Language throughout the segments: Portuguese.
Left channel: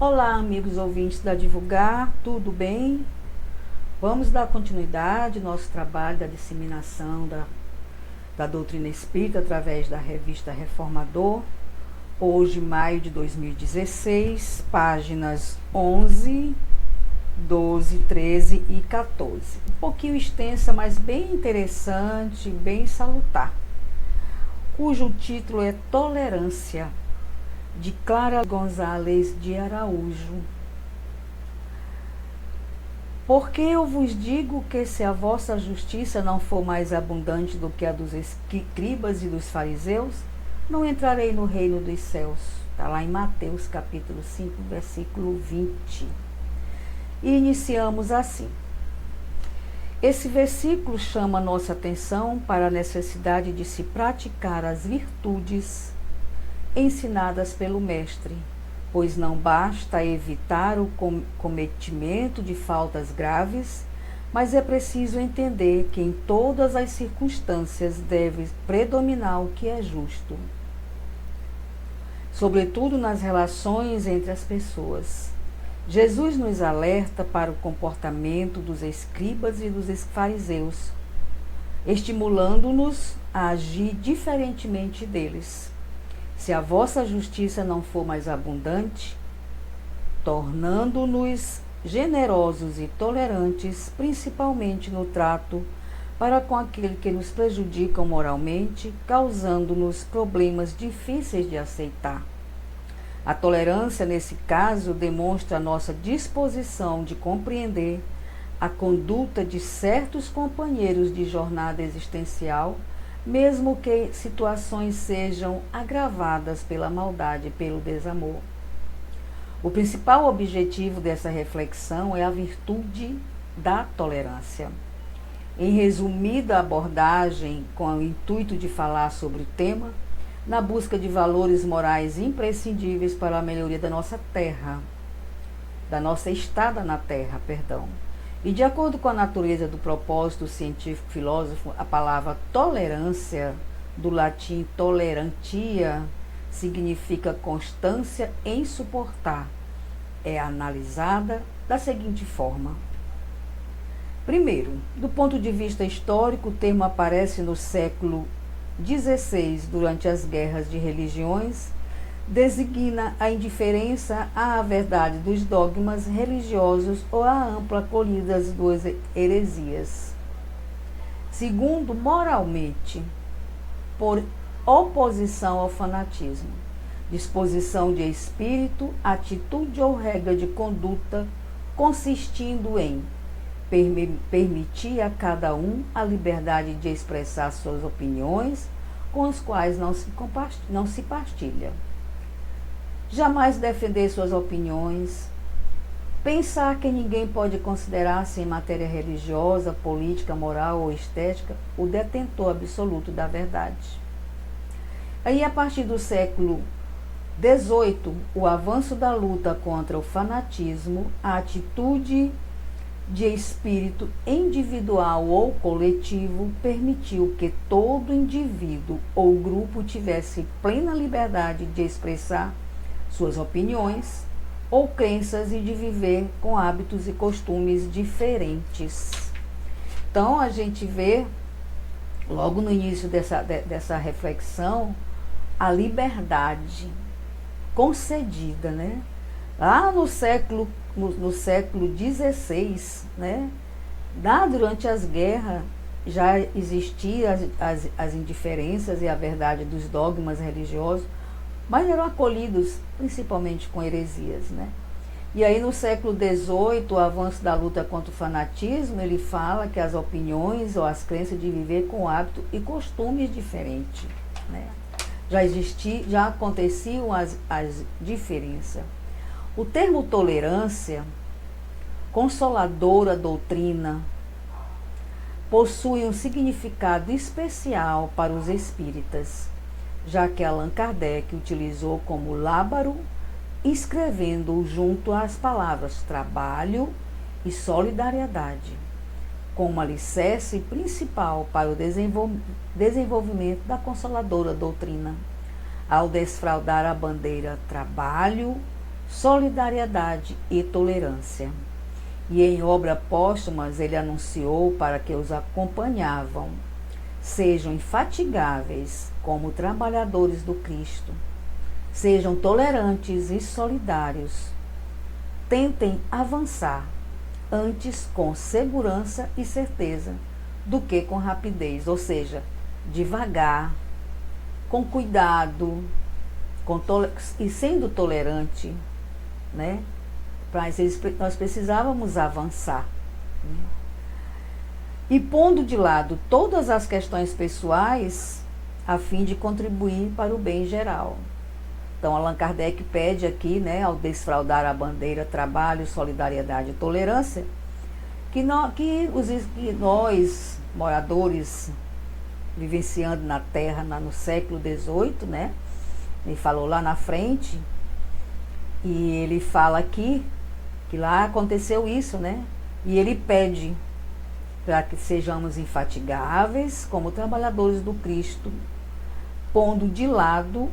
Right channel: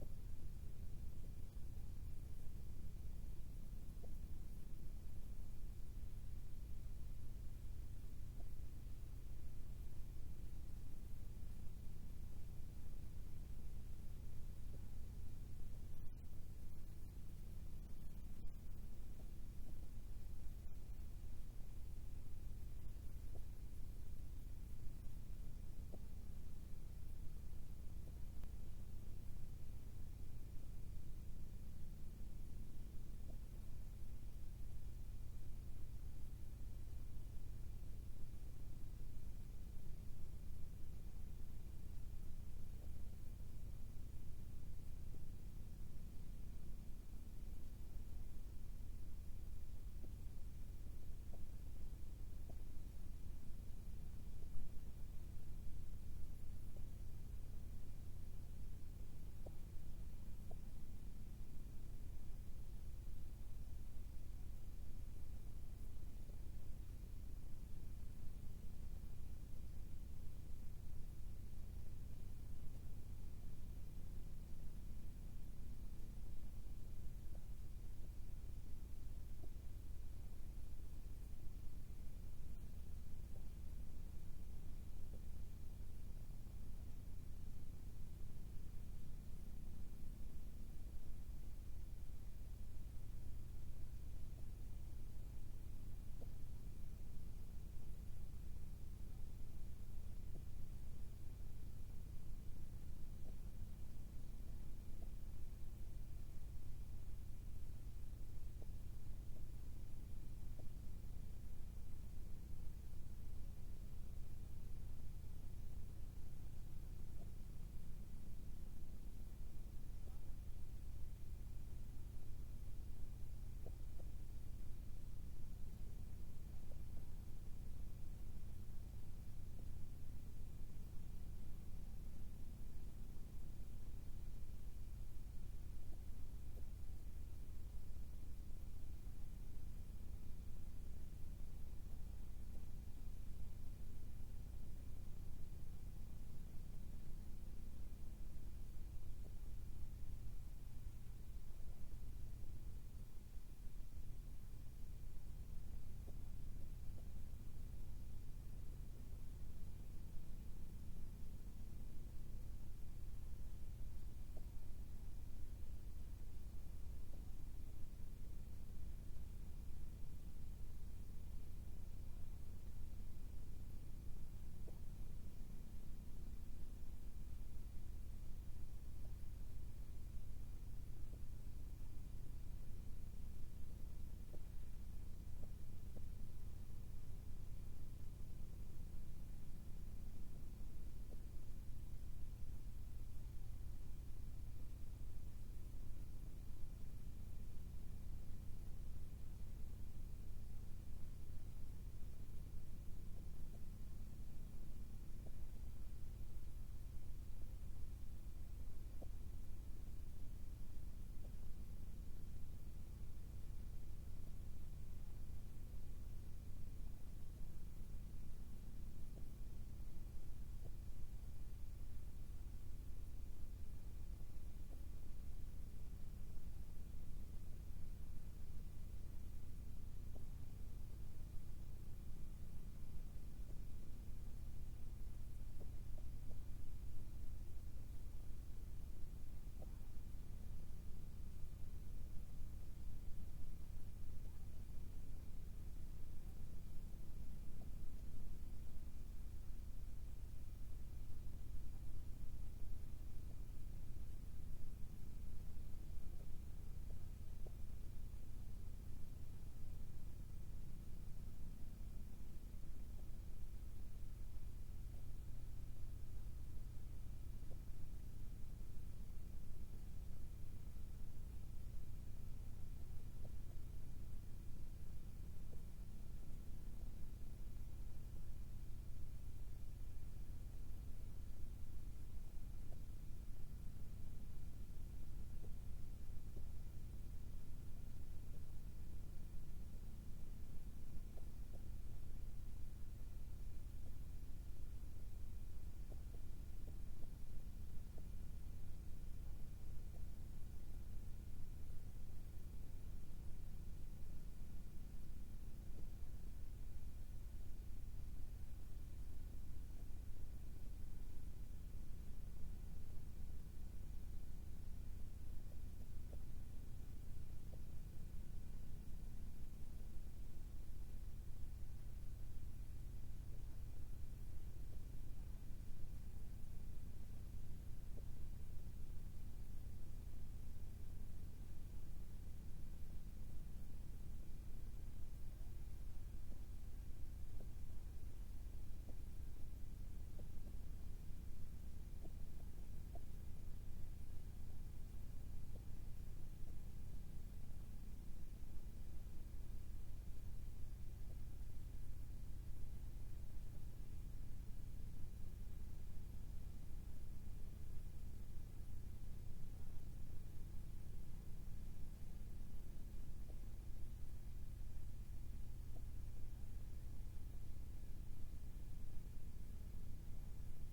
Olá, amigos ouvintes da Divulgar, tudo bem? Vamos dar continuidade ao nosso trabalho da disseminação da doutrina espírita através da revista Reformador. Hoje, maio de 2016, páginas 11, 12, 13 e 14. Um pouquinho extensa, mas bem interessante, bem salutar. Cujo título é Tolerância, de Clara Gonzalez de Araújo. Porque eu vos digo que se a vossa justiça não for mais abundante do que a dos escribas e dos fariseus, não entrarei no reino dos céus. Está lá em Mateus capítulo 5, versículo 20. E iniciamos assim. Esse versículo chama nossa atenção para a necessidade de se praticar as virtudes ensinadas pelo Mestre, pois não basta evitar o cometimento de faltas graves, mas é preciso entender que em todas as circunstâncias deve predominar o que é justo, sobretudo nas relações entre as pessoas. Jesus nos alerta para o comportamento dos escribas e dos fariseus, estimulando-nos a agir diferentemente deles. Se a vossa justiça não for mais abundante, tornando-nos generosos e tolerantes, principalmente no trato para com aquele que nos prejudicam moralmente, causando-nos problemas difíceis de aceitar. A tolerância, nesse caso, demonstra a nossa disposição de compreender a conduta de certos companheiros de jornada existencial, mesmo que situações sejam agravadas pela maldade e pelo desamor. O principal objetivo dessa reflexão é a virtude da tolerância. Em resumida abordagem, com o intuito de falar sobre o tema, na busca de valores morais imprescindíveis para a melhoria da nossa terra, da nossa estada na terra, E de acordo com a natureza do propósito científico-filósofo, a palavra tolerância, do latim tolerantia, significa constância em suportar. É analisada da seguinte forma. Primeiro, do ponto de vista histórico, o termo aparece no século XVI, durante as guerras de religiões, designa a indiferença à verdade dos dogmas religiosos ou à ampla acolhida das duas heresias. Segundo, moralmente, por oposição ao fanatismo, disposição de espírito, atitude ou regra de conduta consistindo em permitir a cada um a liberdade de expressar suas opiniões, com as quais não se partilha. Jamais defender suas opiniões, pensar que ninguém pode considerar-se em matéria religiosa, política, moral ou estética o detentor absoluto da verdade. Aí, a partir do século XVIII, o avanço da luta contra o fanatismo, a atitude de espírito individual ou coletivo permitiu que todo indivíduo ou grupo tivesse plena liberdade de expressar suas opiniões ou crenças e de viver com hábitos e costumes diferentes. Então, a gente vê, logo no início dessa reflexão, a liberdade concedida, né? Lá no século XVI, né? Lá durante as guerras, já existiam as indiferenças e a verdade dos dogmas religiosos, mas eram acolhidos principalmente com heresias, né? E aí no século XVIII, o avanço da luta contra o fanatismo, ele fala que as opiniões ou as crenças de viver com hábito e costumes diferentes, né? Já aconteciam as diferenças. O termo tolerância, consoladora doutrina, possui um significado especial para os espíritas, já que Allan Kardec utilizou como lábaro, escrevendo junto às palavras trabalho e solidariedade, como alicerce principal para o desenvolvimento da consoladora doutrina, ao desfraldar a bandeira trabalho solidariedade e tolerância. E em obras póstumas ele anunciou para que os acompanhavam: sejam infatigáveis como trabalhadores do Cristo, sejam tolerantes e solidários, tentem avançar, antes com segurança e certeza, do que com rapidez, ou seja, devagar, com cuidado, e sendo tolerante, né? Nós precisávamos avançar, né? E pondo de lado todas as questões pessoais a fim de contribuir para o bem geral. Então, Allan Kardec pede aqui, né, ao desfraudar a bandeira trabalho, solidariedade e tolerância, que nós, moradores vivenciando na Terra no século XVIII, né, ele falou lá na frente, e ele fala aqui que lá aconteceu isso, né, e ele pede para que sejamos infatigáveis como trabalhadores do Cristo, pondo de lado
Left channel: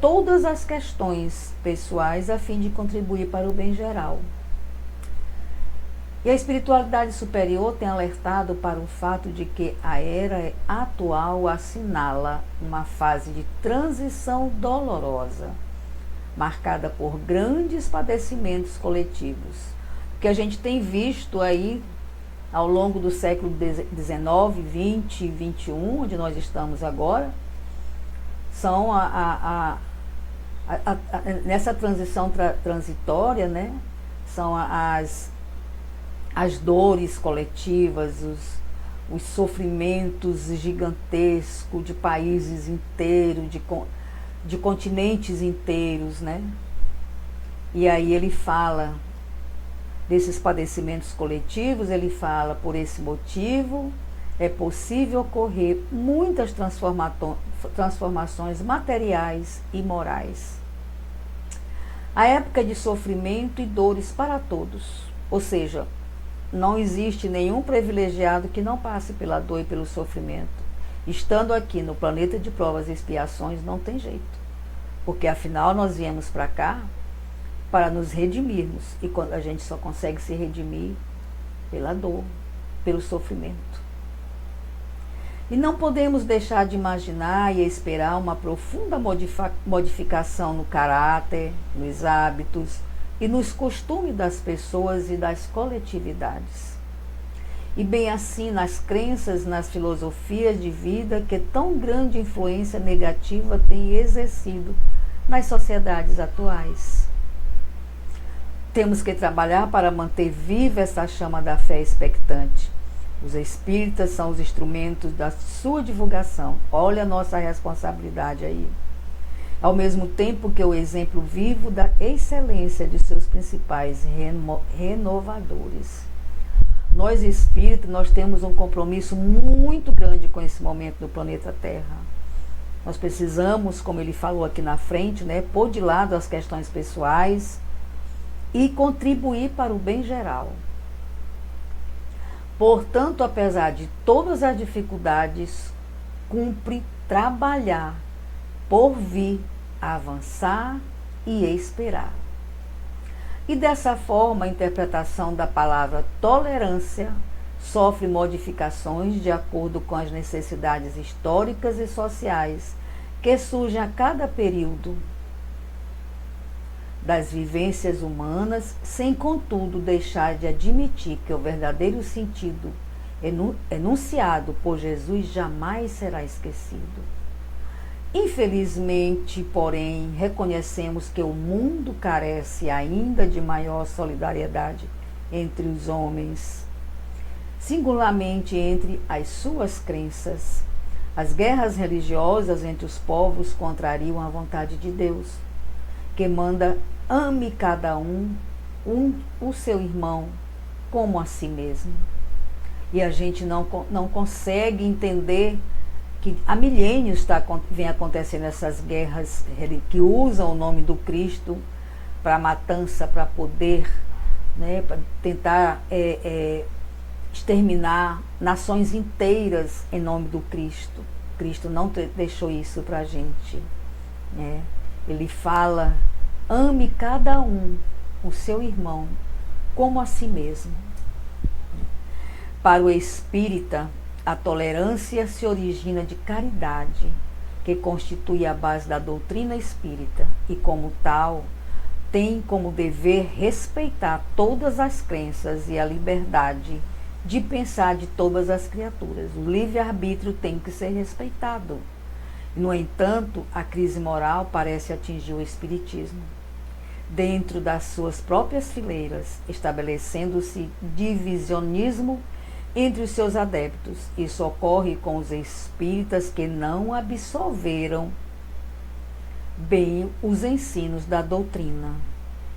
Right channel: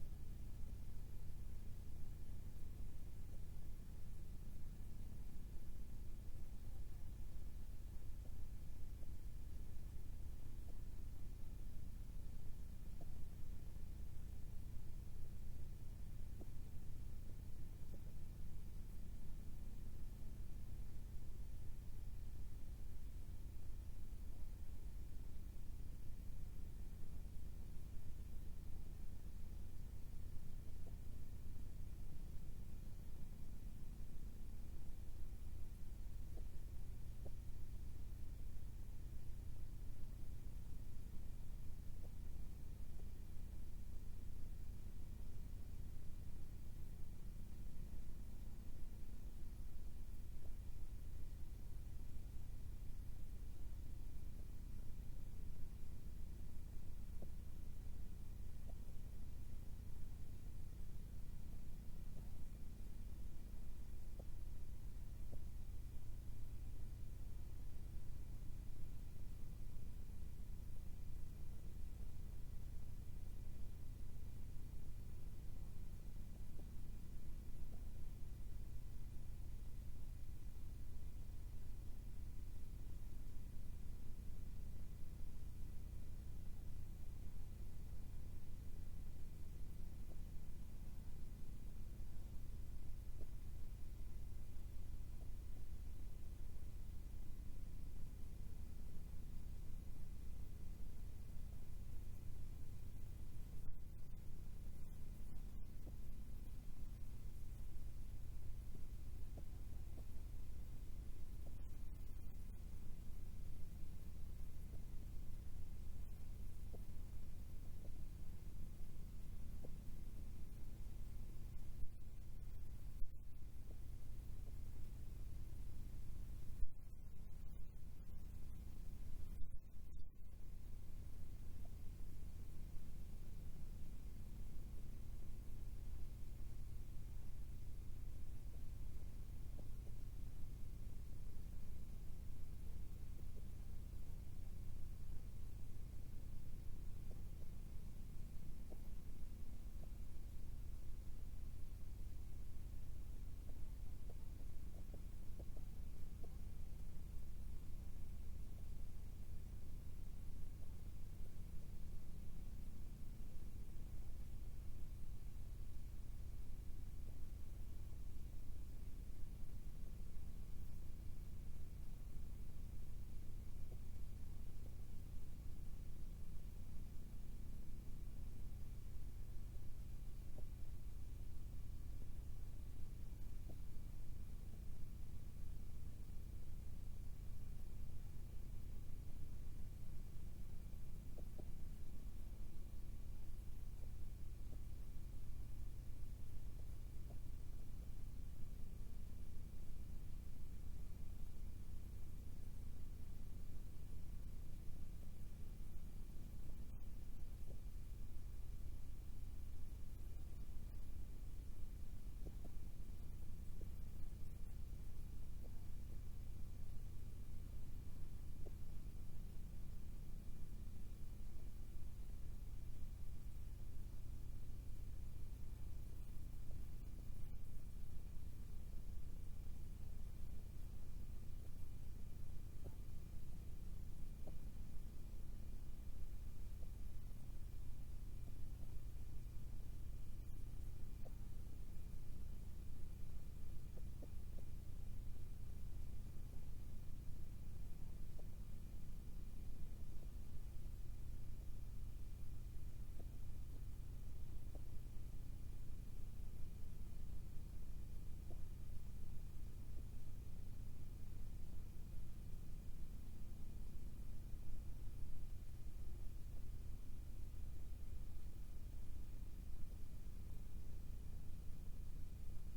todas as questões pessoais a fim de contribuir para o bem geral. E a espiritualidade superior tem alertado para o fato de que a era atual assinala uma fase de transição dolorosa, marcada por grandes padecimentos coletivos, que a gente tem visto aí ao longo do século XIX, XX e XXI, onde nós estamos agora, são nessa transição transitória, né, são as dores coletivas, os sofrimentos gigantescos de países inteiros, de continentes inteiros, né? E aí ele fala desses padecimentos coletivos, ele fala: por esse motivo é possível ocorrer muitas transformações materiais e morais. A época de sofrimento e dores para todos, ou seja, não existe nenhum privilegiado que não passe pela dor e pelo sofrimento. Estando aqui no planeta de provas e expiações, não tem jeito, porque afinal nós viemos para cá para nos redimirmos, e quando a gente só consegue se redimir pela dor, pelo sofrimento. E não podemos deixar de imaginar e esperar uma profunda modificação no caráter, nos hábitos e nos costumes das pessoas e das coletividades. E bem assim nas crenças, nas filosofias de vida que tão grande influência negativa tem exercido nas sociedades atuais. Temos que trabalhar para manter viva essa chama da fé expectante. Os espíritas são os instrumentos da sua divulgação. Olha a nossa responsabilidade aí. Ao mesmo tempo que o exemplo vivo da excelência de seus principais renovadores. Nós espíritas, nós temos um compromisso muito grande com esse momento do planeta Terra. Nós precisamos, como ele falou aqui na frente, né, pôr de lado as questões pessoais e contribuir para o bem geral. Portanto, apesar de todas as dificuldades, cumpre trabalhar por vir, avançar e esperar. E dessa forma, a interpretação da palavra tolerância sofre modificações de acordo com as necessidades históricas e sociais que surgem a cada período das vivências humanas, sem, contudo, deixar de admitir que o verdadeiro sentido enunciado por Jesus jamais será esquecido. Infelizmente, porém, reconhecemos que o mundo carece ainda de maior solidariedade entre os homens, singularmente entre as suas crenças. As guerras religiosas entre os povos contrariam a vontade de Deus, que manda: ame cada um o seu irmão como a si mesmo. E a gente não consegue entender que há milênios vem acontecendo essas guerras que usam o nome do Cristo para matança, para poder, né, para tentar exterminar nações inteiras em nome do Cristo. Cristo não deixou isso para a gente, né? Ele fala ame cada um, o seu irmão, como a si mesmo. Para o espírita, a tolerância se origina de caridade, que constitui a base da doutrina espírita e, como tal, tem como dever respeitar todas as crenças e a liberdade de pensar de todas as criaturas. O livre-arbítrio tem que ser respeitado. No entanto, a crise moral parece atingir o espiritismo. Dentro das suas próprias fileiras, estabelecendo-se divisionismo entre os seus adeptos. Isso ocorre com os espíritas que não absorveram bem os ensinos da doutrina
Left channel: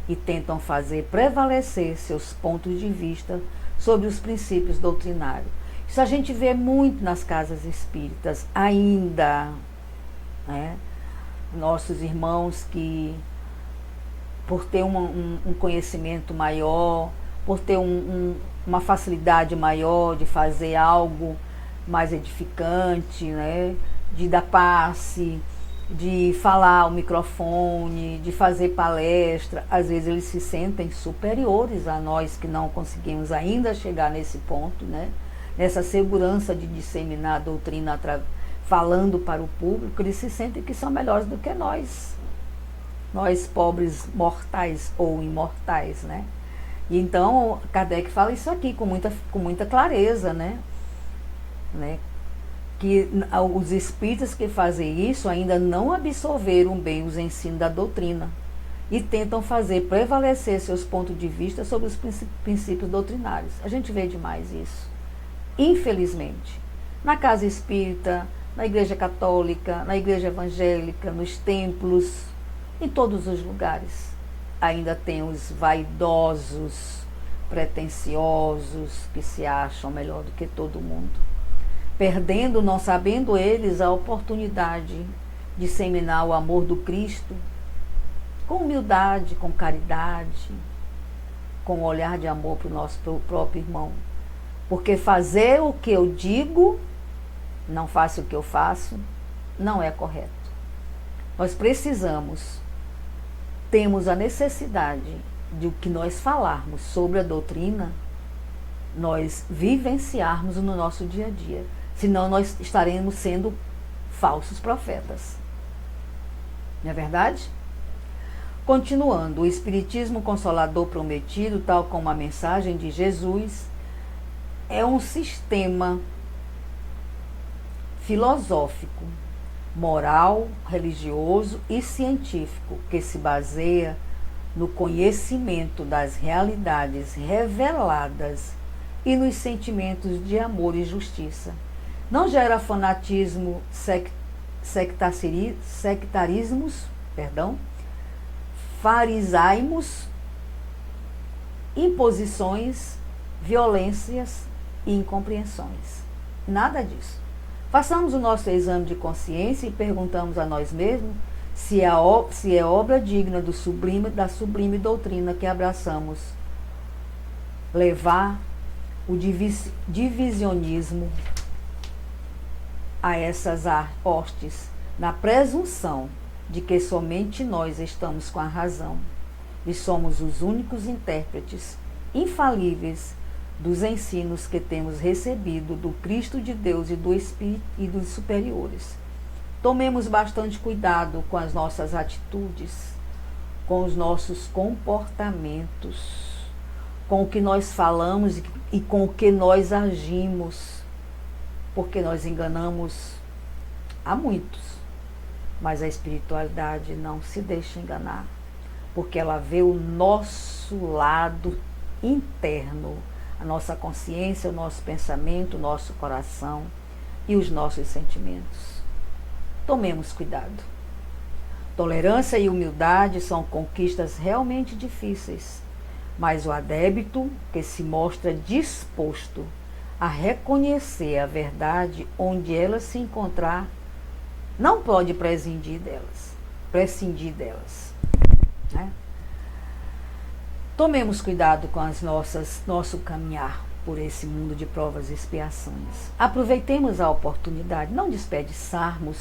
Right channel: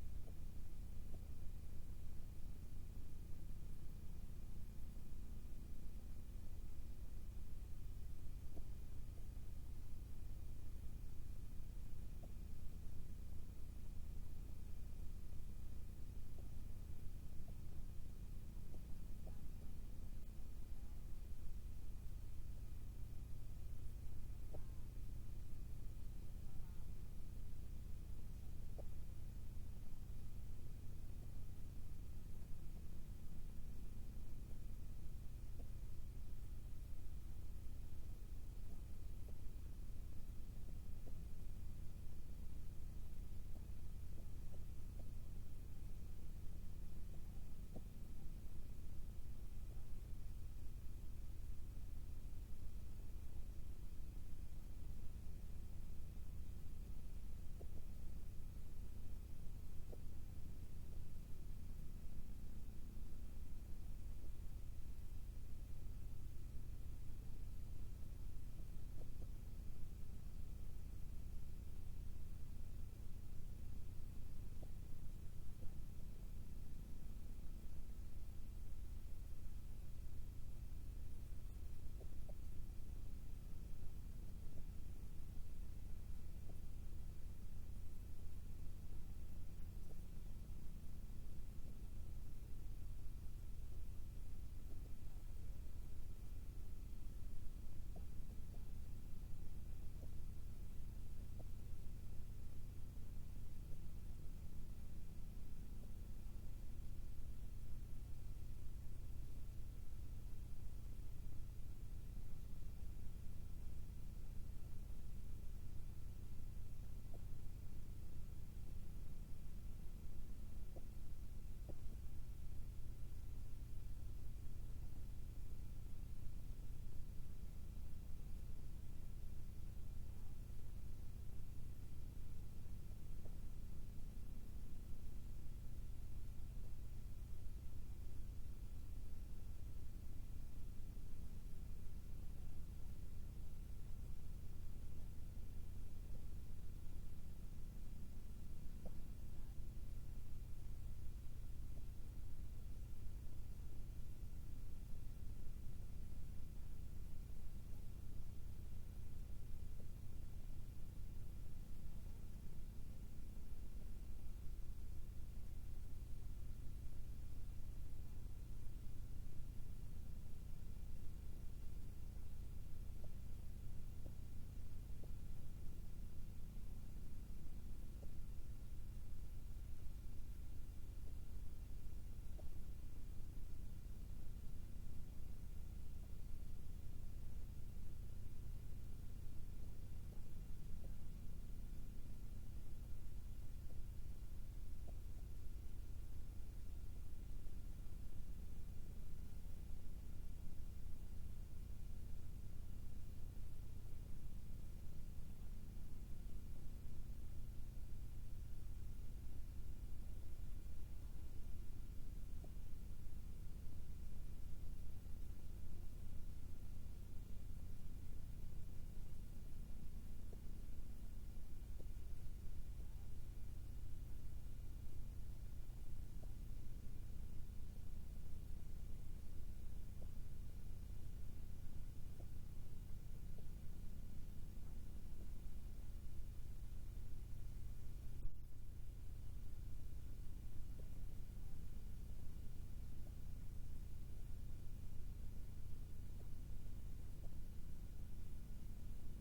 e tentam fazer prevalecer seus pontos de vista sobre os princípios doutrinários. Isso a gente vê muito nas casas espíritas ainda, né? Nossos irmãos que, por ter um conhecimento maior, por ter uma facilidade maior de fazer algo mais edificante, né? De dar passe, de falar ao microfone, de fazer palestra, às vezes eles se sentem superiores a nós que não conseguimos ainda chegar nesse ponto, né? Nessa segurança de disseminar a doutrina falando para o público, eles se sentem que são melhores do que nós pobres mortais ou imortais, né? E então Kardec fala isso aqui com muita clareza, né? Que os espíritas que fazem isso ainda não absorveram bem os ensinos da doutrina e tentam fazer prevalecer seus pontos de vista sobre os princípios doutrinários. A gente vê demais isso, infelizmente. Na casa espírita, na igreja católica, na igreja evangélica, nos templos, em todos os lugares. Ainda tem os vaidosos, pretensiosos, que se acham melhor do que todo mundo, perdendo, não sabendo eles, a oportunidade de disseminar o amor do Cristo com humildade, com caridade, com um olhar de amor para o nosso próprio irmão. Porque fazer o que eu digo, não faço o que eu faço, não é correto. Nós precisamos, temos a necessidade de o que nós falarmos sobre a doutrina, nós vivenciarmos no nosso dia a dia. Senão nós estaremos sendo falsos profetas. Não é verdade? Continuando, o Espiritismo Consolador Prometido, tal como a mensagem de Jesus, é um sistema filosófico, moral, religioso e científico que se baseia no conhecimento das realidades reveladas e nos sentimentos de amor e justiça. Não gera fanatismo, sectarismos, farisaísmos, imposições, violências e incompreensões. Nada disso. Façamos o nosso exame de consciência e perguntamos a nós mesmos se é obra digna da sublime doutrina que abraçamos. Levar o divisionismo a essas hostes, na presunção de que somente nós estamos com a razão e somos os únicos intérpretes infalíveis dos ensinos que temos recebido do Cristo de Deus e do Espírito e dos superiores. Tomemos bastante cuidado com as nossas atitudes, com os nossos comportamentos, com o que nós falamos e com o que nós agimos, porque nós enganamos a muitos, mas a espiritualidade não se deixa enganar, porque ela vê o nosso lado interno, a nossa consciência, o nosso pensamento, o nosso coração e os nossos sentimentos. Tomemos cuidado. Tolerância e humildade são conquistas realmente difíceis, mas o adepto que se mostra disposto a reconhecer a verdade onde ela se encontrar, não pode prescindir delas. Né? Tomemos cuidado com nosso caminhar por esse mundo de provas e expiações. Aproveitemos a oportunidade, não desperdiçarmos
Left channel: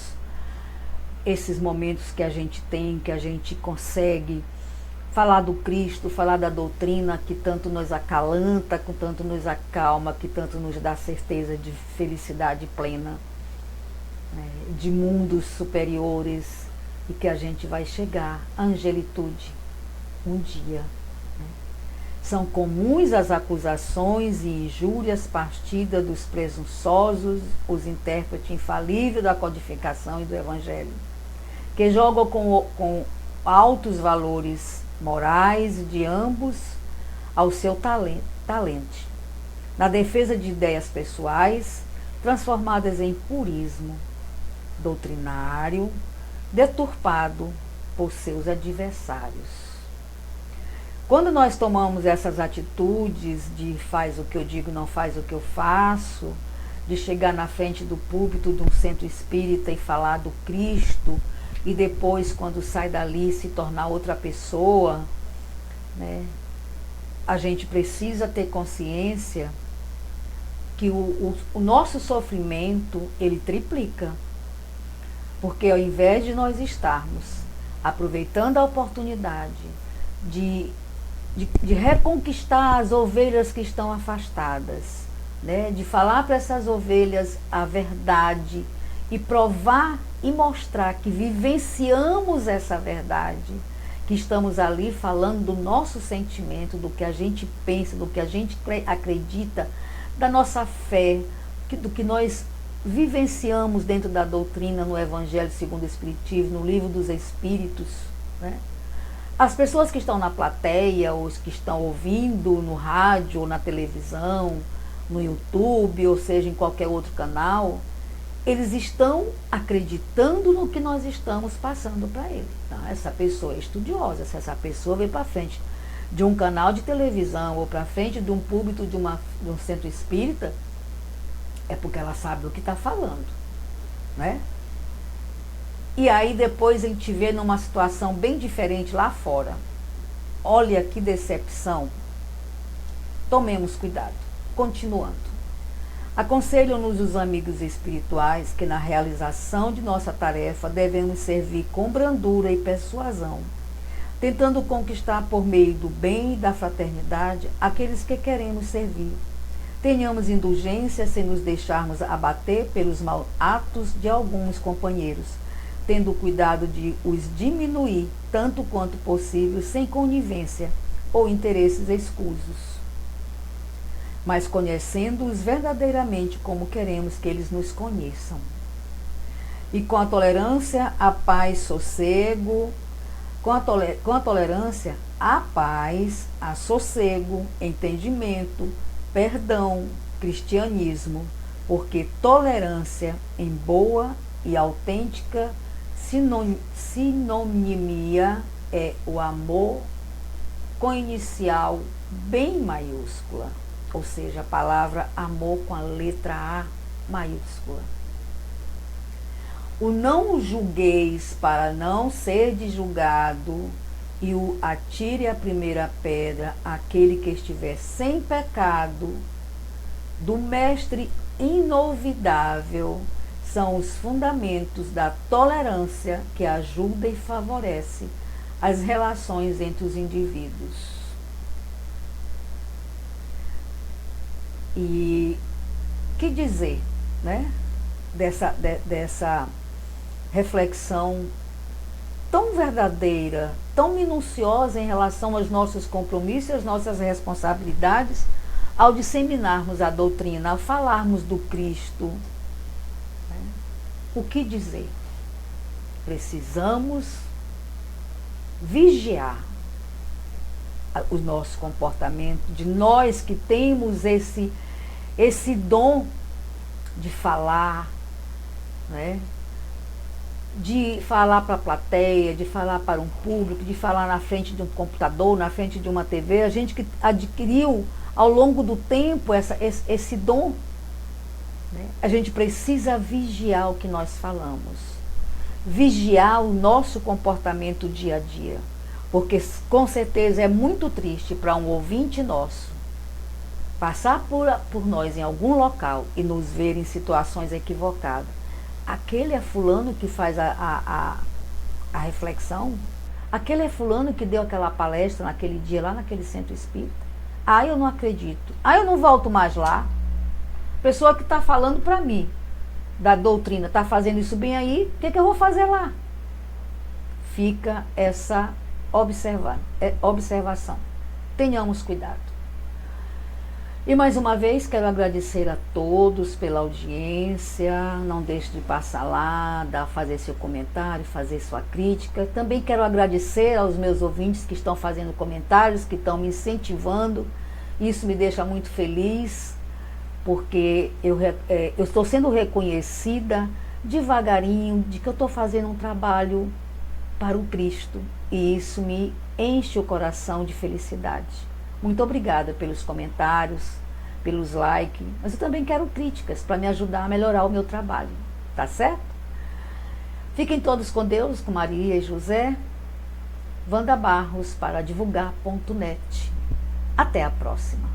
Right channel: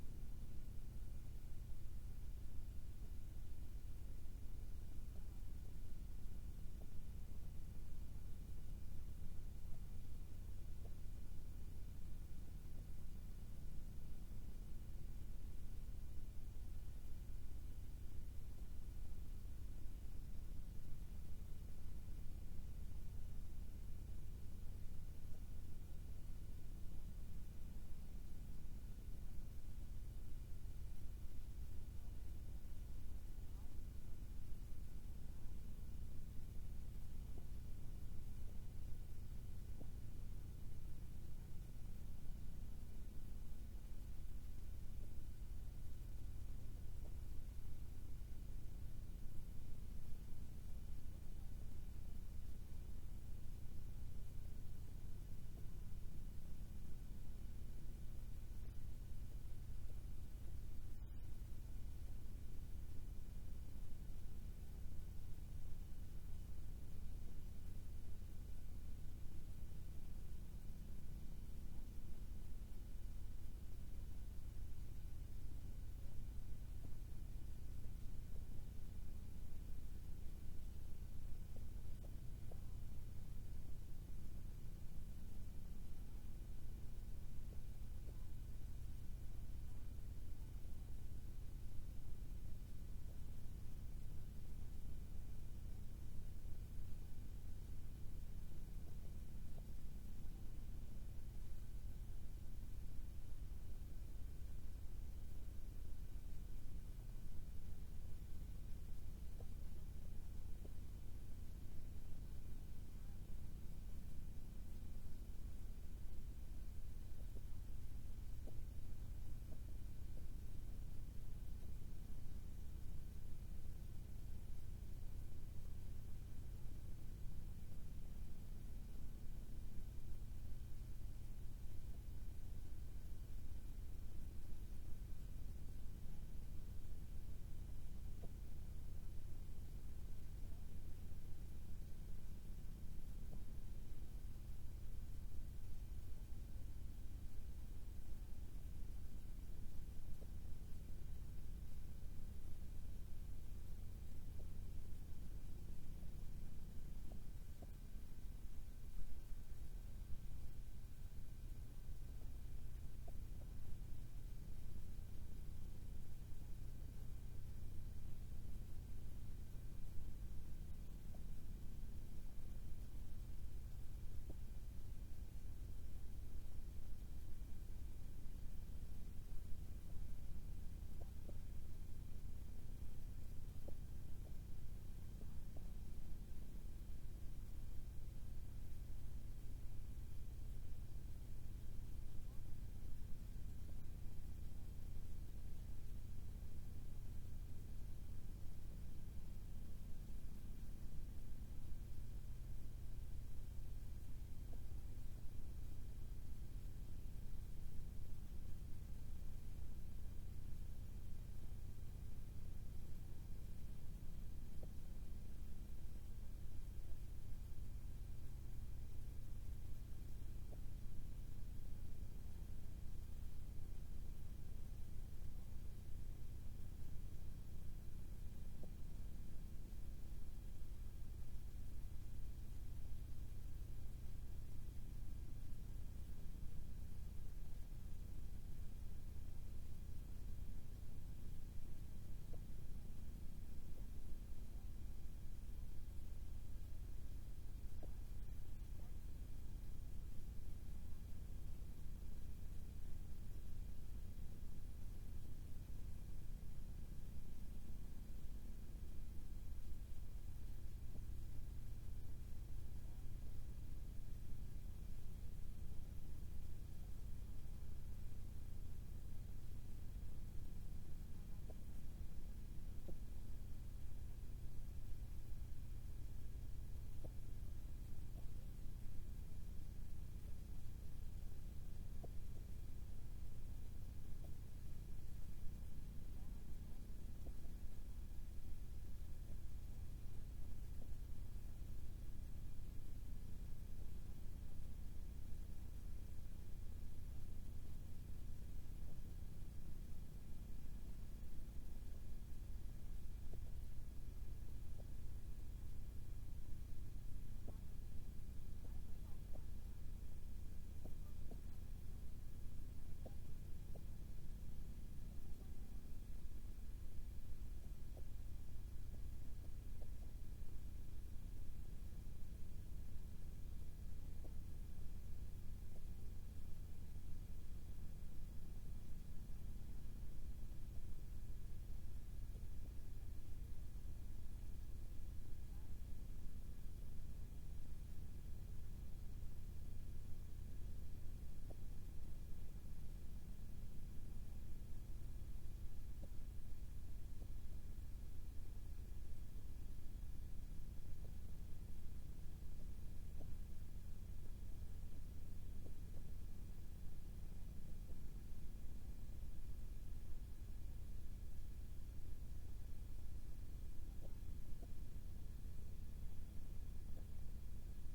esses momentos que a gente tem, que a gente consegue falar do Cristo, falar da doutrina que tanto nos acalanta, que tanto nos acalma, que tanto nos dá certeza de felicidade plena, né, de mundos superiores, e que a gente vai chegar à angelitude um dia. São comuns as acusações e injúrias partidas dos presunçosos, os intérpretes infalíveis da codificação e do Evangelho, que jogam com altos valores morais de ambos ao seu talento, na defesa de ideias pessoais, transformadas em purismo doutrinário, deturpado por seus adversários. Quando nós tomamos essas atitudes de faz o que eu digo, não faz o que eu faço, de chegar na frente do púlpito de um centro espírita e falar do Cristo, e depois, quando sai dali, se tornar outra pessoa, né, a gente precisa ter consciência que o nosso sofrimento, ele triplica. Porque ao invés de nós estarmos aproveitando a oportunidade de reconquistar as ovelhas que estão afastadas, né? De falar para essas ovelhas a verdade e provar e mostrar que vivenciamos essa verdade, que estamos ali falando do nosso sentimento, do que a gente pensa, do que a gente acredita, da nossa fé, do que nós vivenciamos dentro da doutrina, no Evangelho segundo o Espiritismo, no Livro dos Espíritos, né? As pessoas que estão na plateia, ou os que estão ouvindo no rádio, ou na televisão, no YouTube, ou seja, em qualquer outro canal, eles estão acreditando no que nós estamos passando para eles. Então, essa pessoa é estudiosa, se essa pessoa vem para frente de um canal de televisão, ou para frente de um púlpito de um centro espírita, é porque ela sabe do que está falando, né? E aí depois a gente vê numa situação bem diferente lá fora. Olha que decepção. Tomemos cuidado. Continuando. Aconselham-nos os amigos espirituais que na realização de nossa tarefa devemos servir com brandura e persuasão, tentando conquistar por meio do bem e da fraternidade aqueles que queremos servir. Tenhamos indulgência sem nos deixarmos abater pelos maus atos de alguns companheiros, tendo cuidado de os diminuir tanto quanto possível, sem conivência ou interesses escusos, mas conhecendo-os verdadeiramente como queremos que eles nos conheçam. E com a tolerância, a paz, sossego, com a tolerância, a paz, a sossego, entendimento, perdão, cristianismo, porque tolerância em boa e autêntica sinonimia é o amor com inicial bem maiúscula, ou seja, a palavra amor com a letra A maiúscula. O não julgueis para não ser julgado, e o atire a primeira pedra aquele que estiver sem pecado, do mestre inovidável, são os fundamentos da tolerância que ajuda e favorece as relações entre os indivíduos. E que dizer, né, dessa reflexão tão verdadeira, tão minuciosa em relação aos nossos compromissos e às nossas responsabilidades ao disseminarmos a doutrina, ao falarmos do Cristo. O que dizer? Precisamos vigiar o nosso comportamento, de nós que temos esse dom de falar, né? De falar para a plateia, de falar para um público, de falar na frente de um computador, na frente de uma TV, a gente que adquiriu ao longo do tempo esse dom, né? A gente precisa vigiar o que nós falamos, vigiar o nosso comportamento dia a dia, porque com certeza é muito triste para um ouvinte nosso passar por nós em algum local e nos ver em situações equivocadas. Aquele é fulano que faz a reflexão, Aquele é fulano que deu aquela palestra naquele dia lá naquele centro espírita. Ah, eu não acredito. Ah, eu não volto mais lá. Pessoa que está falando para mim da doutrina, está fazendo isso bem aí, o que eu vou fazer lá? Fica essa observação. Tenhamos cuidado. E mais uma vez quero agradecer a todos pela audiência. Não deixe de passar lá, fazer seu comentário, fazer sua crítica. Também quero agradecer aos meus ouvintes que estão fazendo comentários, que estão me incentivando. Isso me deixa muito feliz, porque eu estou sendo reconhecida devagarinho de que eu estou fazendo um trabalho para o Cristo. E isso me enche o coração de felicidade. Muito obrigada pelos comentários, pelos likes, mas eu também quero críticas para me ajudar a melhorar o meu trabalho, tá certo? Fiquem todos com Deus, com Maria e José. Wanda Barros para divulgar.net. Até a próxima.